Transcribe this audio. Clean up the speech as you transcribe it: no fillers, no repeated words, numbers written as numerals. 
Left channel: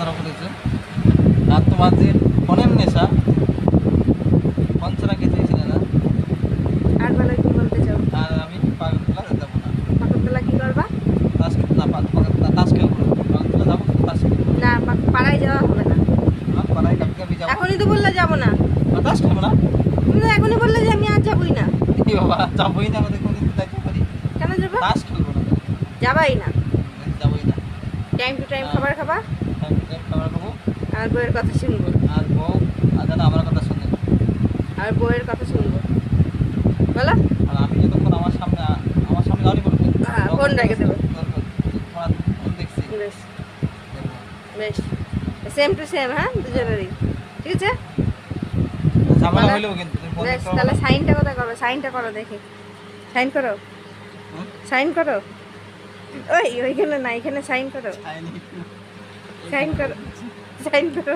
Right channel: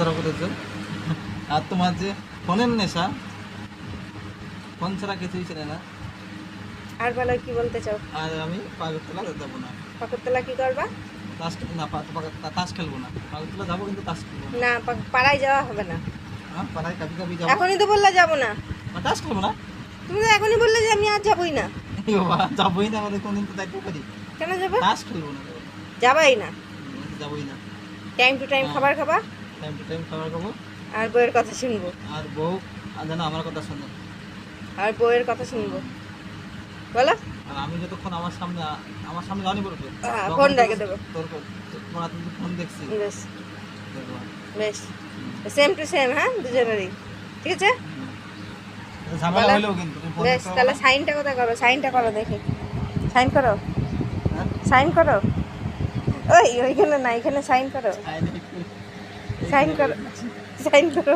ধরা করেছো আর তোমার যে ফোনের নেশা ফোন ছাড়া কিছু ছিল না। আর বেলায় কি বলতে চাও? আর আমি পাগলতলা যেতে যাবো না। পাকুড়তলা কি করবা? তাস না পাগলতলা তাস খেলবো না। পাগলতলা যাবো কিন্তু তাস খেলবো না। না পাড়ায় যাওয়া হবে না। আর পাড়ায় কাবি কাবি যাবো। এখনই তো বললে যাবো না। তাস খেলবো না। তুমি তো এখনই বললে যে আমি আর যাবোই না। কি বাবা যাবোই না, আমাদের কোনদিন তো যাইতে পারি। কেন যাবে? তাস খেলবো না। যাবাই না। যাবোই না। টাইম টু টাইম খাবার খাবা টাইম টু টাইম খাবার খাবো। আর বউয়ের কথা শুনবো। আর বউ আর যেন আমার কথা শোনে। আর বউয়ের কথা শুনবো বলো। আর আমি যতক্ষণ আমার সামনে গালি বলবো ফোন রেখে দেবো। তোমার ফোন দেখছি। বেশ বেশ সেম টু সেম, হ্যাঁ দুজনেরই, ঠিক আছে। ঝামেলা বলো। হইলেও কিন্তু তুমি ফোন বেশ করো তাহলে না। সাইনটা কোথায় করো? সাইনটা করো দেখি। সাইন করো, হ্যাঁ? সাইন করো। ওইখানে না, এখানে সাইন করো, আইনি। সাইন করো, সাইন করো।